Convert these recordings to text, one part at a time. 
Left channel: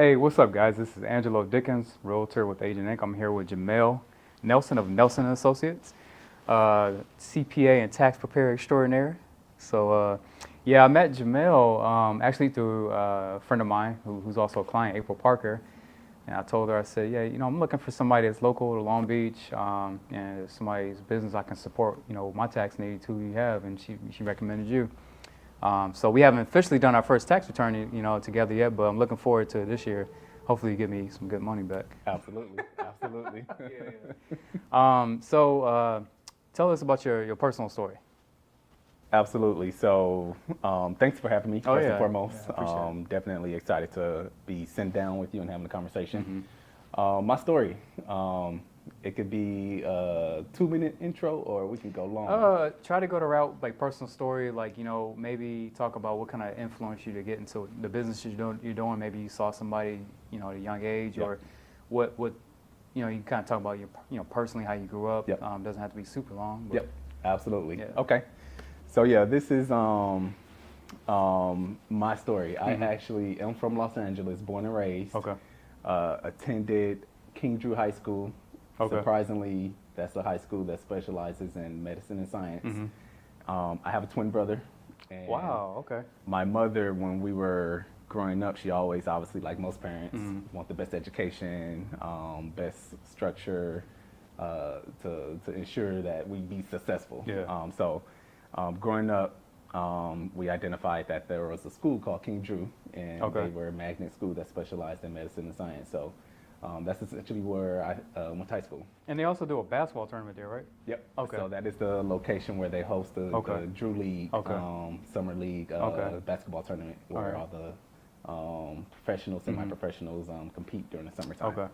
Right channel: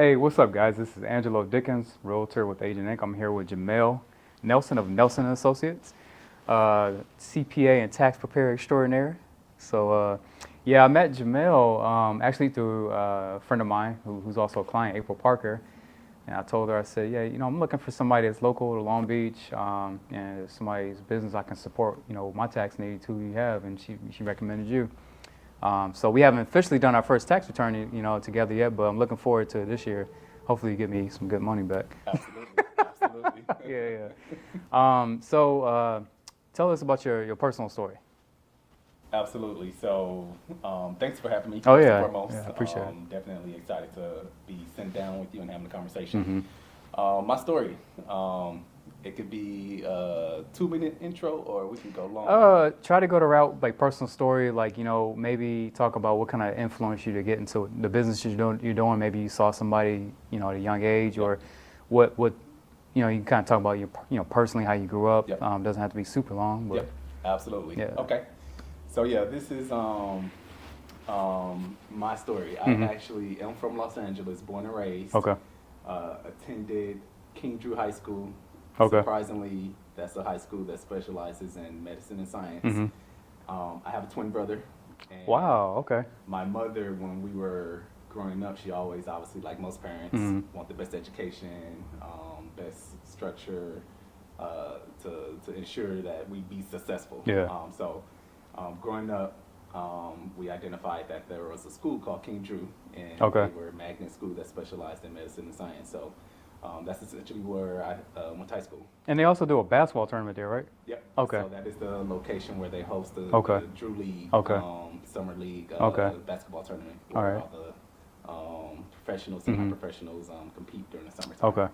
Hey, what's up, guys? This is Angelo Dickens, realtor with Agent Inc. I'm here with Jamel Nelson of Nelson and Associates, CPA and tax preparer extraordinaire. So, I met Jamel actually through a friend of mine who's also a client, April Parker. And I told her, I said, yeah, I'm looking for somebody that's local to Long Beach, and somebody's business I can support, my tax needs, who you have, and she recommended you. So we haven't officially done our first tax return, together yet, but I'm looking forward to this year. Hopefully you get me some good money back. Absolutely, absolutely. So tell us about your personal story. Absolutely. So, thanks for having me. Oh, first yeah. and foremost. Yeah, I appreciate it. Definitely excited to be sitting down with you and having a conversation. Mm-hmm. My story. It could be a 2-minute intro, or we can go long. Try to go the route like personal story, like maybe talk about what kind of influenced you to get into the business you're doing. Maybe you saw somebody at a young age, Yep. or what you can kind of talk about your personally how you grew up. Yep. Doesn't have to be super long. But Yep. Absolutely. Yeah. Okay. So yeah, this is my story. Mm-hmm. I actually am from Los Angeles, born and raised. Okay. Attended King Drew High School. Okay. Surprisingly, that's a high school that specializes in medicine and science. Mm-hmm. I have a twin brother. And Wow. Okay. My mother, when we were growing up, she always, obviously, like most parents, want the best education, best structure to ensure that we be successful. Yeah. Growing up, we identified that there was a school called King Drew, and Okay. they were a magnet school that specialized in medicine and science. So that's essentially where I went to high school. And they also do a basketball tournament there, right? Yep. Okay. So that is the location where they host the Drew League, Okay. Summer League basketball tournament, All where right. all the professionals and non-professionals compete during the summertime. Okay.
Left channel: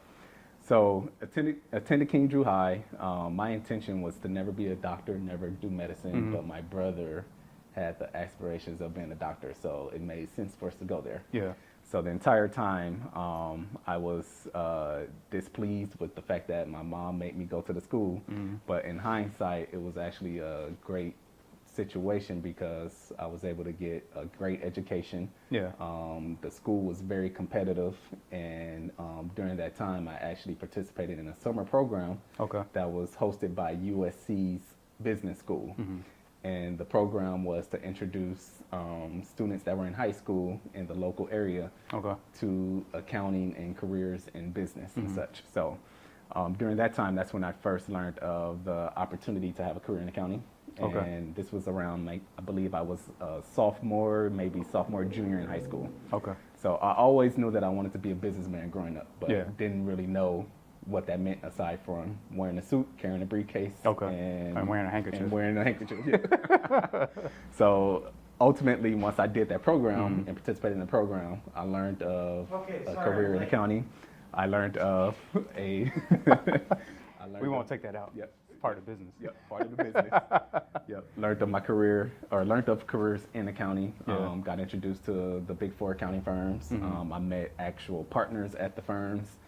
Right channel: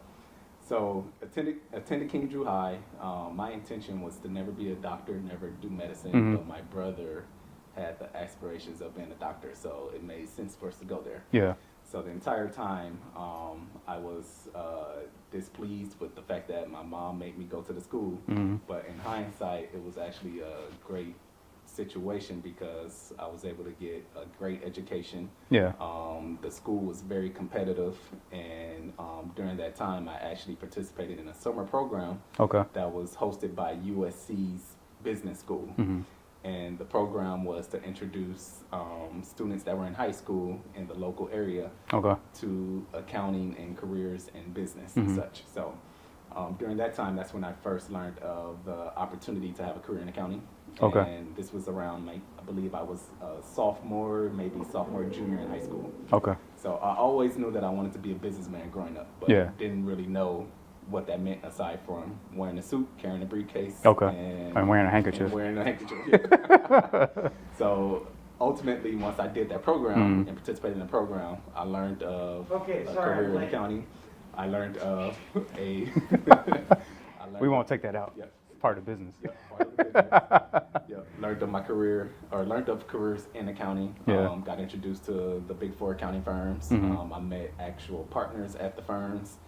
So attended King Drew High. My intention was to never be a doctor, never do medicine, but my brother had the aspirations of being a doctor, so it made sense for us to go there. Yeah. So the entire time, I was displeased with the fact that my mom made me go to the school. But in hindsight, it was actually a great situation because I was able to get a great education. Yeah. The school was very competitive, and during that time, I actually participated in a summer program Okay. that was hosted by USC's business school. And the program was to introduce students that were in high school in the local area Okay. to accounting and careers in business and such. So during that time, that's when I first learned of the opportunity to have a career in accounting. Okay. And this was around, I believe I was a sophomore, junior in high school. Okay. So I always knew that I wanted to be a businessman growing up, but didn't really know what that meant aside from wearing a suit, carrying a briefcase, and wearing a handkerchief. Yeah. So ultimately, once I did that program and participated in the program, I learned of a career in accounting. I learned of a. We won't take that out. Yep. It's part of the business. Yep, part of the business. Learned of my career, or learned of careers in accounting. Yeah. Got introduced to the big four accounting firms. I met actual partners at the firms.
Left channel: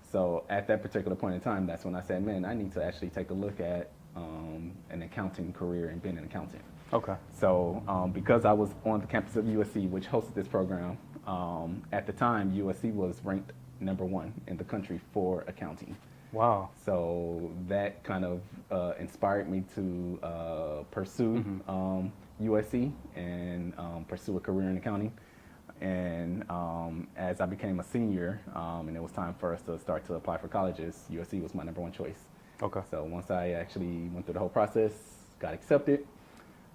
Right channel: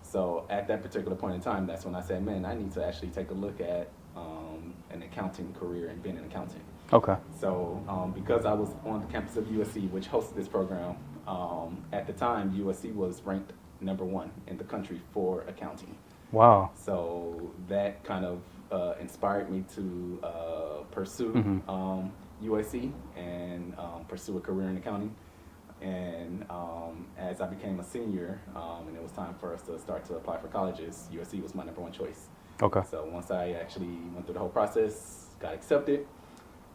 So at that particular point in time, that's when I said, man, I need to actually take a look at an accounting career and being an accountant. Okay. So because I was on the campus of USC, which hosted this program, at the time, USC was ranked #1 in the country for accounting. Wow. So that kind of inspired me to pursue USC and pursue a career in accounting. And as I became a senior, and it was time for us to start to apply for colleges, USC was my #1 choice. Okay. So once I actually went through the whole process, got accepted,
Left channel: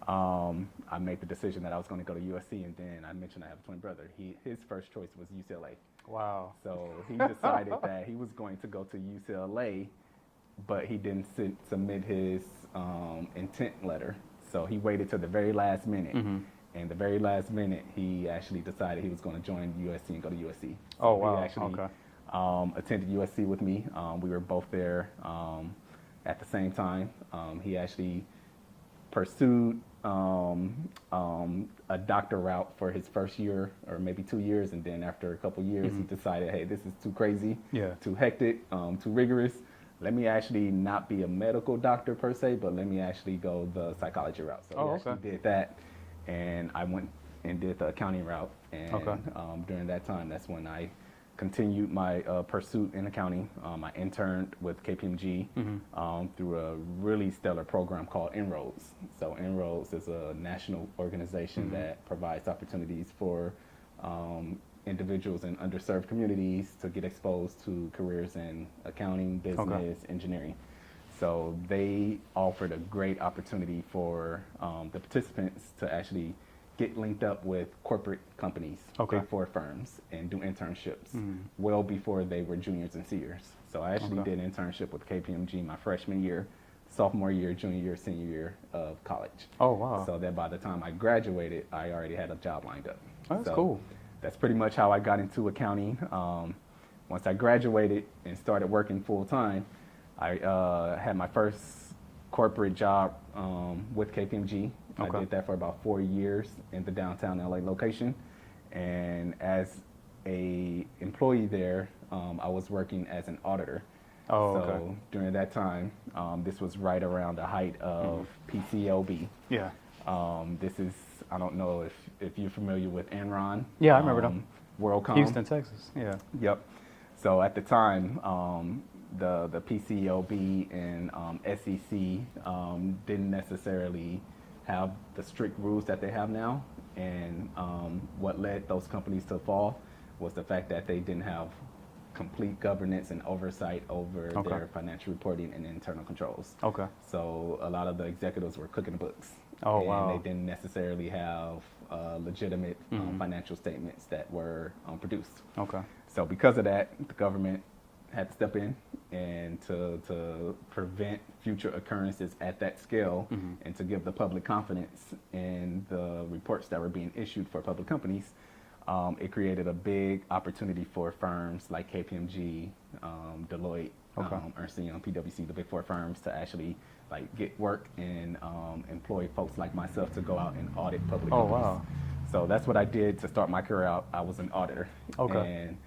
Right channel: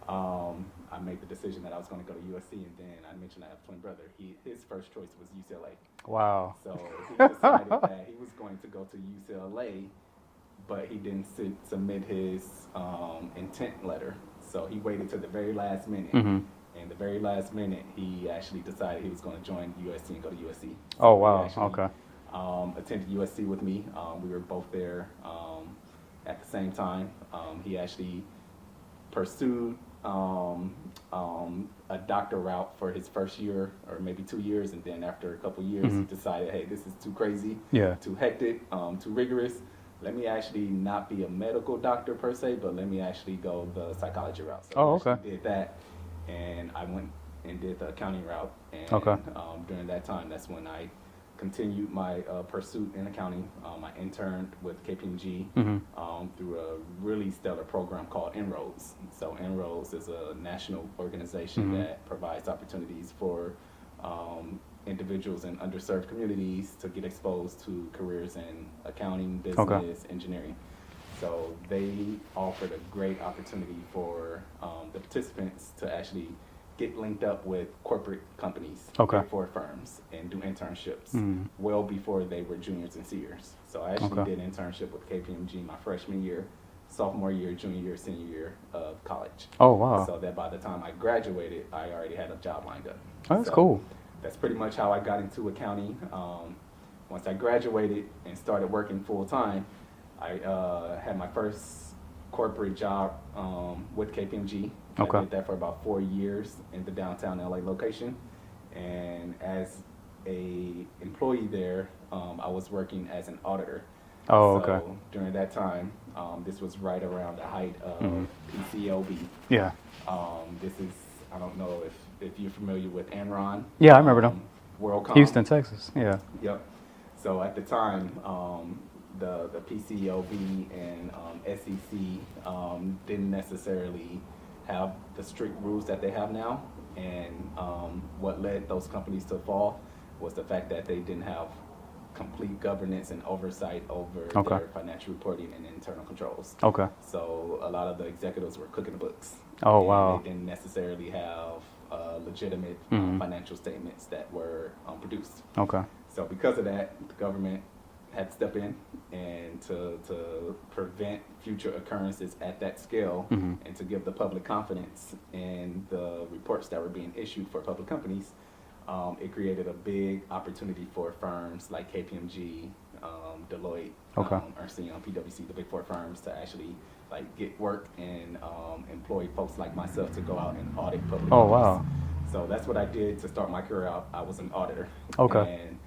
I made the decision that I was going to go to USC. And then I mentioned I have a twin brother. His first choice was UCLA. Wow. So he decided that he was going to go to UCLA, but he didn't submit his intent letter. So he waited till the very last minute. And the very last minute, he actually decided he was going to join USC and go to USC. So Oh, wow. he actually, Okay. Attended USC with me. We were both there at the same time. He actually pursued a doctor route for his first year or maybe 2 years, and then after a couple years, he decided, hey, this is too crazy, too hectic, too rigorous. Let me actually not be a medical doctor per se, but let me actually go the psychology route. So we actually did that. And I went and did the accounting route. And during that time, that's when I continued my pursuit in accounting. I interned with KPMG through a really stellar program called Inroads. So Inroads is a national organization that provides opportunities for individuals in underserved communities to get exposed to careers in accounting, business, engineering. So they offered a great opportunity for the participants to actually get linked up with corporate companies, Big Four firms, and do internships well before they were juniors and seniors. So I actually did an internship with KPMG my freshman year, sophomore year, junior year, senior year of college. Oh, wow. So that by the time I graduated, I already had a job lined up. Oh, that's cool. That's pretty much how I got into accounting. Once I graduated and started working full time, I had my first corporate job with KPMG. I did that for about 4 years in the downtown LA location. And as a employee there, I was working as an auditor. Oh, so during that time, this was right around the height of PCLB. Yeah. This is, I don't know if you're familiar with Enron. Yeah, I remember them. WorldCom. Houston, Texas. Yeah. Yep. So at the time, the PCLB and SEC didn't necessarily have the strict rules that they have now, and what led those companies to fall was the fact that they didn't have complete governance and oversight over their financial reporting and internal controls. Okay. So a lot of the executives were cooking the books. Oh, wow. They didn't necessarily have legitimate financial statements that were produced. Okay. So because of that, the government had to step in and to prevent future occurrences at that scale and to give the public confidence in the reports that were being issued for public companies. It created a big opportunity for firms like KPMG, Deloitte, Ernst & Young, PwC, the Big Four firms, to actually like get work and employ folks like myself to go out and audit public companies. Wow. So that's what I did to start my career out. I was an auditor. Okay. And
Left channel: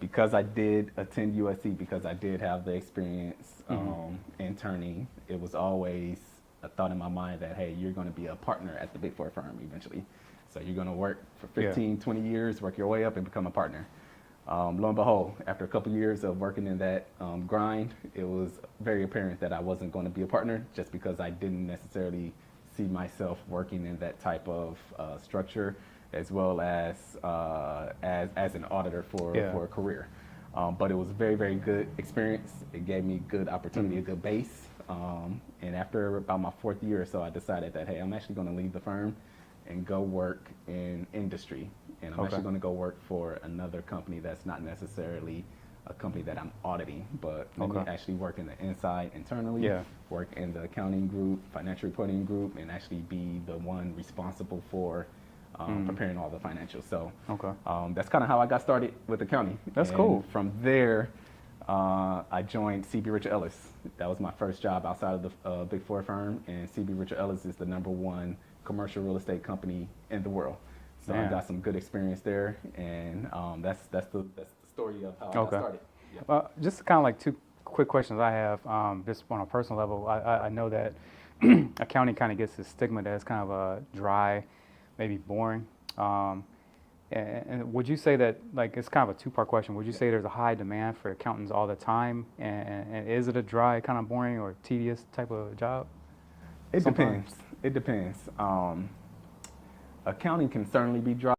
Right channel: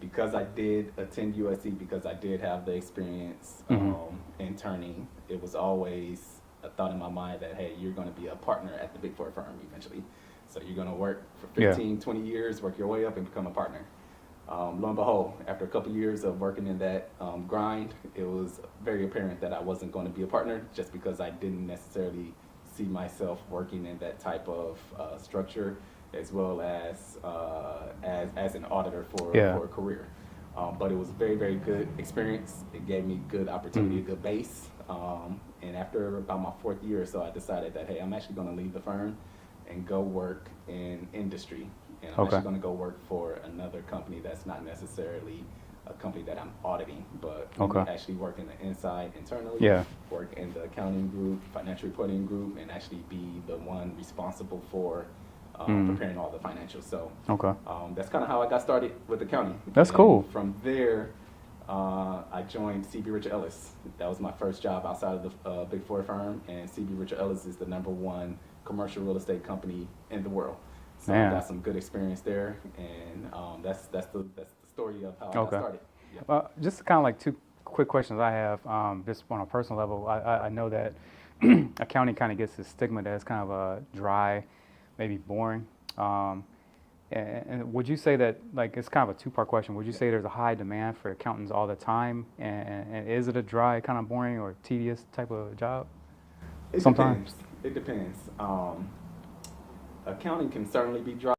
because I did attend USC, because I did have the experience interning, it was always a thought in my mind that, hey, you're going to be a partner at the Big Four firm eventually. So you're going to work for 15, 20 years, work your way up and become a partner. Lo and behold, after a couple years of working in that grind, it was very apparent that I wasn't going to be a partner just because I didn't necessarily see myself working in that type of structure as well as an auditor for a career. But it was a very, very good experience. It gave me good opportunity, a good base. And after about my 4th year or so, I decided that, hey, I'm actually going to leave the firm and go work in industry. And I'm actually going to go work for another company that's not necessarily a company that I'm auditing, but actually work in the inside internally, work in the accounting group, financial reporting group, and actually be the one responsible for preparing all the financials. So that's kind of how I got started with accounting. That's cool. From there, I joined CB Richard Ellis. That was my first job outside of the Big Four firm, and CB Richard Ellis is the #1 commercial real estate company in the world. So I got some good experience there, and that's the story of how I got started. Yep. Just kind of like 2 quick questions I have, just on a personal level. I know that accounting kind of gets this stigma that it's kind of dry, maybe boring. And would you say that, like, it's kind of a 2-part question. Would you say there's a high demand for accountants all the time? And is it a dry, kind of boring or tedious type of job? It depends. It depends. Accounting can certainly be dry.